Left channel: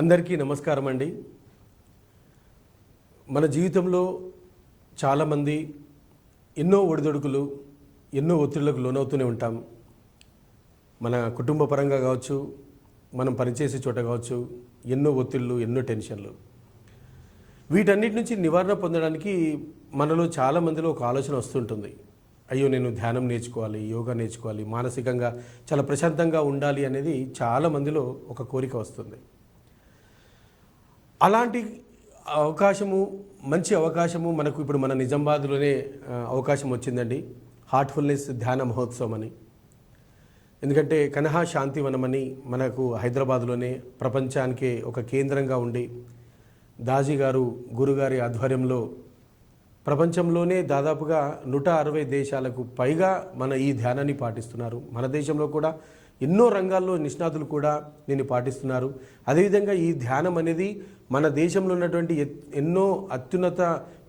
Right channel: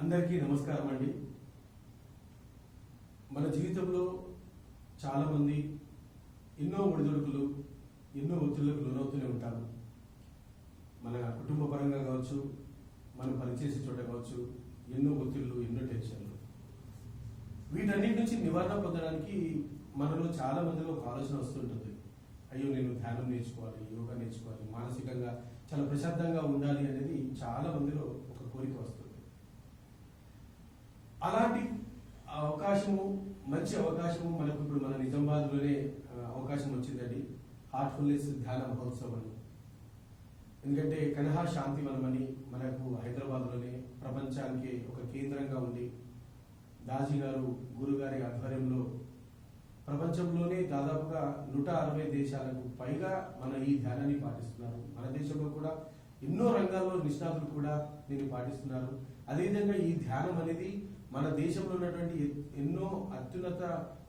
అందరికీ నమస్కారం అండి. మన జీవితంలో చాలామంది ఎన్నో ఒడిదొడుకులు ఎన్నో ఒత్తిళ్ళకు లోనవుతూనే ఉంటాం. మన కుటుంబ పరంగా కావచ్చు మనం పనిచేసే చోట కావచ్చు ఎన్నో ఒత్తిళ్ళు ఎన్నో టెన్షన్లు. వీటన్నిటి నుంచి నివారణ పొందడానికి మనలో చాలా మందిలో ఒక ఆలోచన వస్తుంటుంది. అయ్యో నేను ధ్యానం నేర్చుకోవాలి యోగా నేర్చుకోవాలి మానసికంగా చాలా ప్రశాంతంగా ఉండాలి అనేది చాలా మందిలో ఒక కోరిక వస్తుంది. అలాంటి అవకాశము మంచి అవకాశము మనకు ఇప్పుడు మన నిజామాబాద్లోనే అవకాశం వచ్చిందండి. హార్ట్ఫుల్నెస్ ధ్యాన మహోత్సవం అని. ఎందుకంటే కనహా శాంతివనం అని మనకు హైదరాబాద్లోనే ప్రపంచానికే ఒక కేంద్రంగా ఉండి దాజీ గారు గురుగారి ఆధ్వర్యంలో ప్రపంచంలోనే దాదాపుగా నూట అరవై దేశాలకు పైగా మన ఈ ధ్యానాన్ని పాటిస్తున్నారు. మన దేశంలో కూడా ఎన్నో రంగాల్లో నిష్ణాతులు కూడా దీన్ని పాటిస్తున్నారు. అదేవిధంగా ఈ ధ్యానం అనేది మన దేశంలో ఉన్నటువంటి ఎత్- ఎన్నో అత్యున్నత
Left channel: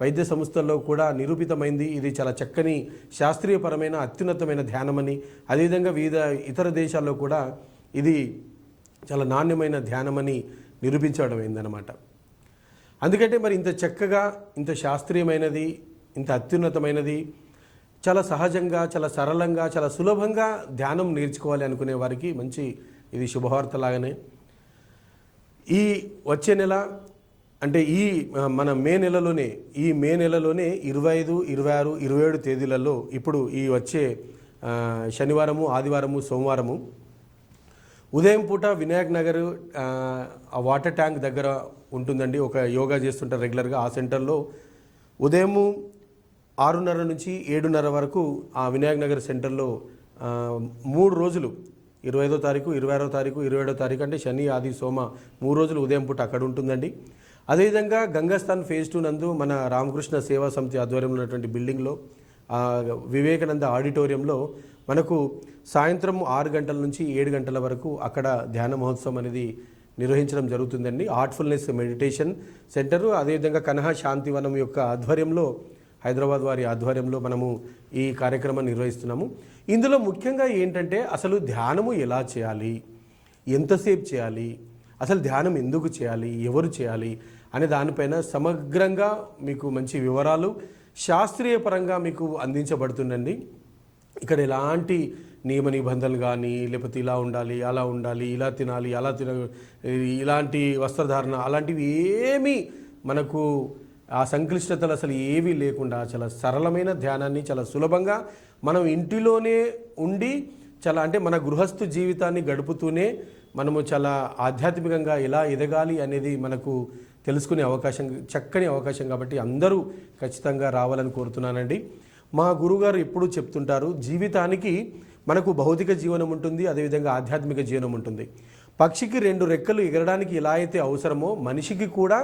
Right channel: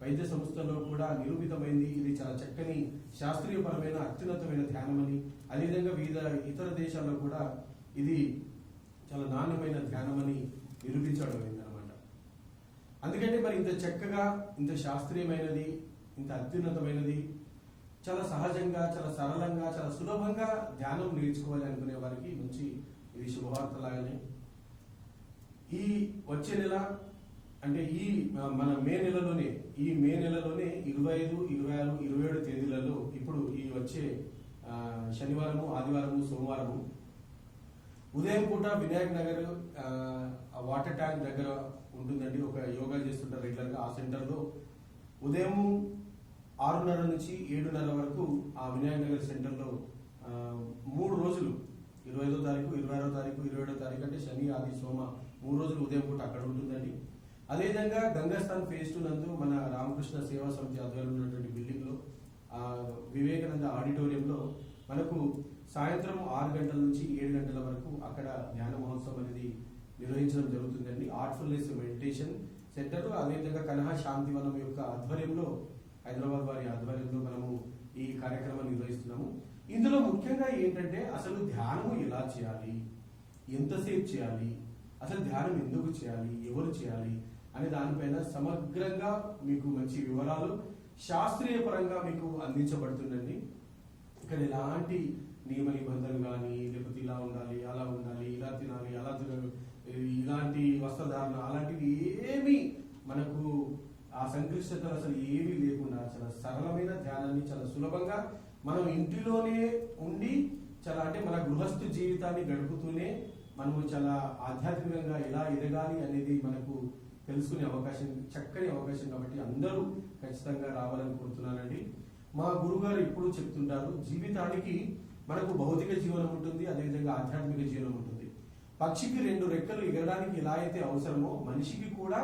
వైద్య సంస్థల్లో కూడా నిరూపితమైంది. ఇది చాలా చక్కని శాస్త్రీయపరమైన అత్యున్నతమైన ధ్యానమని. అదేవిధంగా వివిధ ఇతర దేశాల్లో కూడా ఇది చాలా నాణ్యమైన ధ్యానమని నిరూపించడం అయిందనమాట అందుకంటే మరి ఇంత చక్కగా ఇంత శాస్త్రీయమైనది ఇంత అత్యున్నతమైనది చాలా సహజంగా చాలా సరళంగా చాలా సులభంగా ధ్యానం నేర్చుకోవాలి అనుకునే వారికి మంచి ఇది శుభవార్త లాగానే ఈ వచ్చే నెల అంటే ఈ మన మే నెలలోనే ఈ మే నెలలోనే ఇరవై ఐదు ఇరవై ఆరు ఇరవై ఏడు తేదీలలో ఇప్పుడు ఈ వచ్చే శనివారము ఆదివారము సోమవారము ఉదయం పూట వినాయక్ నగర్ ఆ, ఆ వాటర్ ట్యాంక్ దగ్గర ఉంటుందండి. ఒక యోగా చేస్తుంటారు రెగ్యులర్గా ఆ సెంటర్లో. ఉదయము ఆరున్నర నుంచి ఏడున్నర వరకు ఆ వినాయక్ నగర్ సెంటర్లో మూడు రోజులు ఇరవై ఐదో తారీఖు ఇరవై ఆరో తారీఖు ఇరవై ఏడో తారీఖు అంటే శని ఆది సోమ మూడు రోజులు ఉదయం పూట అక్కడ ఉంటుందండి. అదేవిధంగా గంగాస్థాన్ ఫేజ్ టూ నందు మన రామకృష్ణ సేవా సమితి ఆధ్వర్యంలో ఉన్నటువంటి బిల్డింగ్లో వివేకానంద ఆడిటోరియంలో మనకు సాయంత్రం ఆరు గంటల నుంచి ఏడు గంటల వరకు అక్కడ ధ్యాన మహోత్సవం అనేది నిర్వహించడం జరుగుతుందండి. ఆర్ట్ఫుల్నెస్ మెడిటేషన్ సెంటరు అదేవిధంగా కనహా శాంతివనం యొక్క ఆధ్వర్యంలో హైదరాబాద్ వారి ఆధ్వర్యంలో మనము ఈ కార్యక్రమాన్ని నిర్వహిస్తున్నాము. ఇందులో ముఖ్యంగా ఏంటంటే అసలు ధ్యానము ఎలా చేయాలి? ఎంతసేపు చేయాలి? అసలు ధ్యానం ఎందుకు చేయాలి? ఎవరు చేయాలి? అనే దానిపైన సమగ్రంగా మీకు మంచి వివరాలు శాస్త్రీయ పరంగా మీకు అందించబడుతుందండి. ఇక్కడ ఎలాంటి నియమ నిబంధనలు కానీ లేకపోతే ఇలా ఉండాలి అలా ఉండాలి ఇలా తినాలి అలా తిన ఇలాంటి వస్త్రధారణ అలాంటివి ఏమీ మనకు ఆ సంక్లిష్టతలు అసలు ఏవీ లేకుండా చాలా సరళమైన ధ్యానాన్ని చాలా సులభంగా మనం ఇంటిలోనే ఉండి చాలా అంటే మన గృహస్థు జీవితాన్ని గడుపుతూనే మనము చాలా ఆధ్యాత్మికంగా ఎలా ఎదగాలి అనేది మనకు తెలుసుకునే అవకాశం చక్కని అవకాశం కాబట్టి అందరూ ఖచ్చితంగా రావాలని కోరుతున్నానండి. మా గురుగారు ఎప్పుడూ చెప్తుంటారు జీవితానికి మనకు భౌతిక జీవనం ఉంటుంది అదేవిధంగా ఆధ్యాత్మిక జీవనం ఉంటుంది. పక్షికి రెండు రెక్కలు ఎగరడానికి ఎలా అయితే అవసరమో మనిషికి కూడా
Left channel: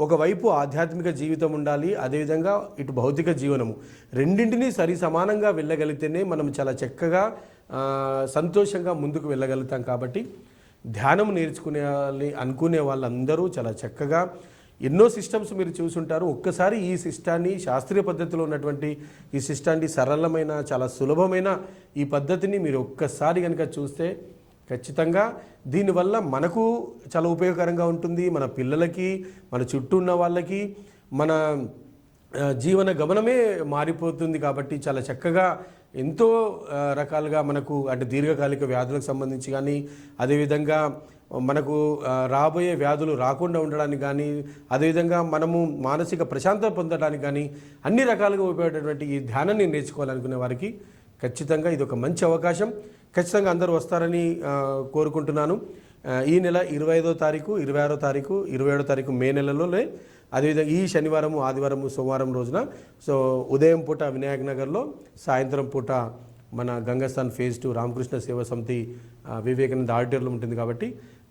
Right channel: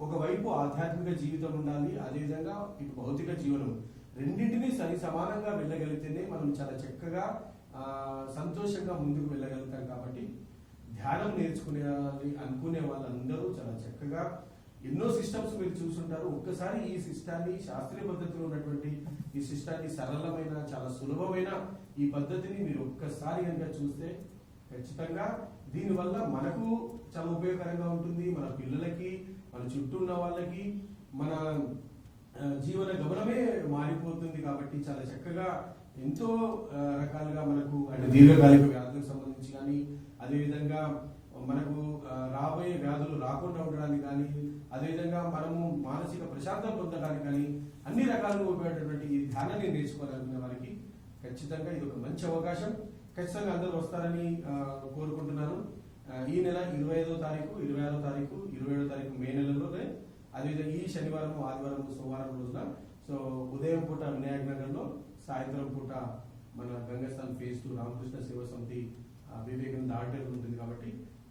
ఒకవైపు ఆధ్యాత్మిక జీవితం ఉండాలి అదేవిధంగా ఇటు భౌతిక జీవనము. రెండింటినీ సరి సమానంగా వెళ్ళగలిగితేనే మనం చాలా చక్కగా సంతోషంగా ముందుకు వెళ్ళగలుగుతాం కాబట్టి ధ్యానం నేర్చుకునే అనుకునే వాళ్ళందరూ చాలా చక్కగా ఎన్నో సిస్టమ్స్ మీరు చూసుంటారు. ఒక్కసారి ఈ సిస్టాన్ని శాస్త్రీయ పద్ధతిలో ఉన్నటువంటి ఈ సిస్టాన్ని సరళమైన చాలా సులభమైన ఈ పద్ధతిని మీరు ఒక్కసారి కనుక చూస్తే ఖచ్చితంగా దీనివల్ల మనకు చాలా ఉపయోగకరంగా ఉంటుంది. మన పిల్లలకి మన చుట్టూ ఉన్న వాళ్ళకి మన జీవన గమనమే మారిపోతుంది కాబట్టి చాలా చక్కగా ఎంతో రకాలుగా మనకు అంటే దీర్ఘకాలిక వ్యాధులకు సంబంధించి కానీ అదేవిధంగా మనకు రాబోయే వ్యాధులు రాకుండా ఉండడానికి కానీ అదేవిధంగా మనము మానసిక ప్రశాంతత పొందడానికి కానీ అన్ని రకాలుగా ఉపయోగపడేటువంటి ఈ ధ్యానాన్ని నేర్చుకోవాలనుకునే వారికి ఖచ్చితంగా ఇది ఒక మంచి అవకాశం. ఖచ్చితంగా అందరూ వస్తారని కోరుకుంటున్నాను. ఈ నెల ఇరవై ఐదో తారీఖు ఇరవై ఆరో తారీఖు ఇరవై ఏడో తారీఖు మే నెలలోనే అదేవిధంగా ఈ శనివారము ఆదివారము సోమవారం రోజున సో ఉదయం పూట వినాయక్ నగర్లో సాయంత్రం పూట మన గంగస్థాన్ ఫేజ్ టూ రామకృష్ణ సేవా సమితి వివేకానంద ఆడిటర్లు ఉంటుంది కాబట్టి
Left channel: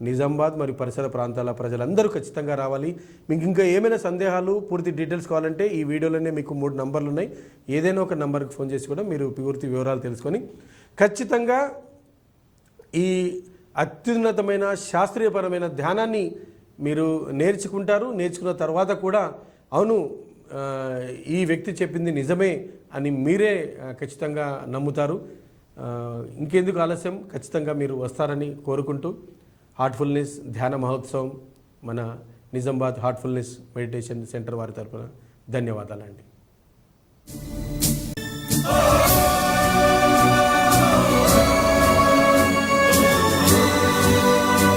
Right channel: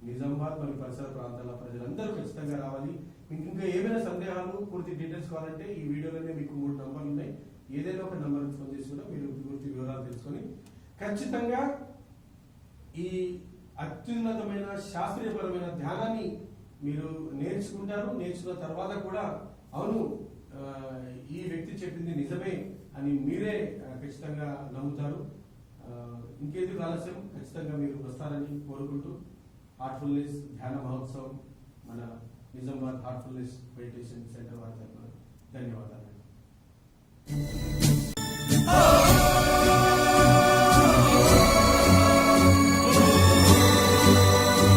నిజామాబాద్ మరియు పరిసర ప్రాంతాల ప్రజలందరూ ఖచ్చితంగా రావాలి. మీకు ఇంకా ఏమైనా సందేహాలు పూర్తి డీటెయిల్స్ కావాలంటే ఈ వీడియోలోనే మీకు మూడు నంబర్లు ఉన్నాయి. ఏదైనా ఒక నంబర్కి ఫోన్ చేసి కూడా మీరు పూర్తి వివరాలు తెలుసుకొని ఖచ్చితంగా ఈ అత్యున్నతమైన శాస్త్రీయపరమైన ధ్యానాన్ని మీరు నేర్చుకుంటారు. నేర్చుకున్న తర్వాత కూడా అవును ఈ వ్యక్తి చెప్పింది నిజమే అని మీరే ఖచ్చితంగా నమ్ముతారు. ఇంకెందుకు ఆలస్యం? ఖచ్చితంగా మీరు వస్తారని కోరుకుంటూ హార్ట్ఫుల్నెస్ ధ్యాన మహోత్సవం మన నిజామాబాద్ హార్ట్ఫుల్నెస్ మెడిటేషన్ సెంటర్ వారి తరఫున ధన్యవాదాలండి.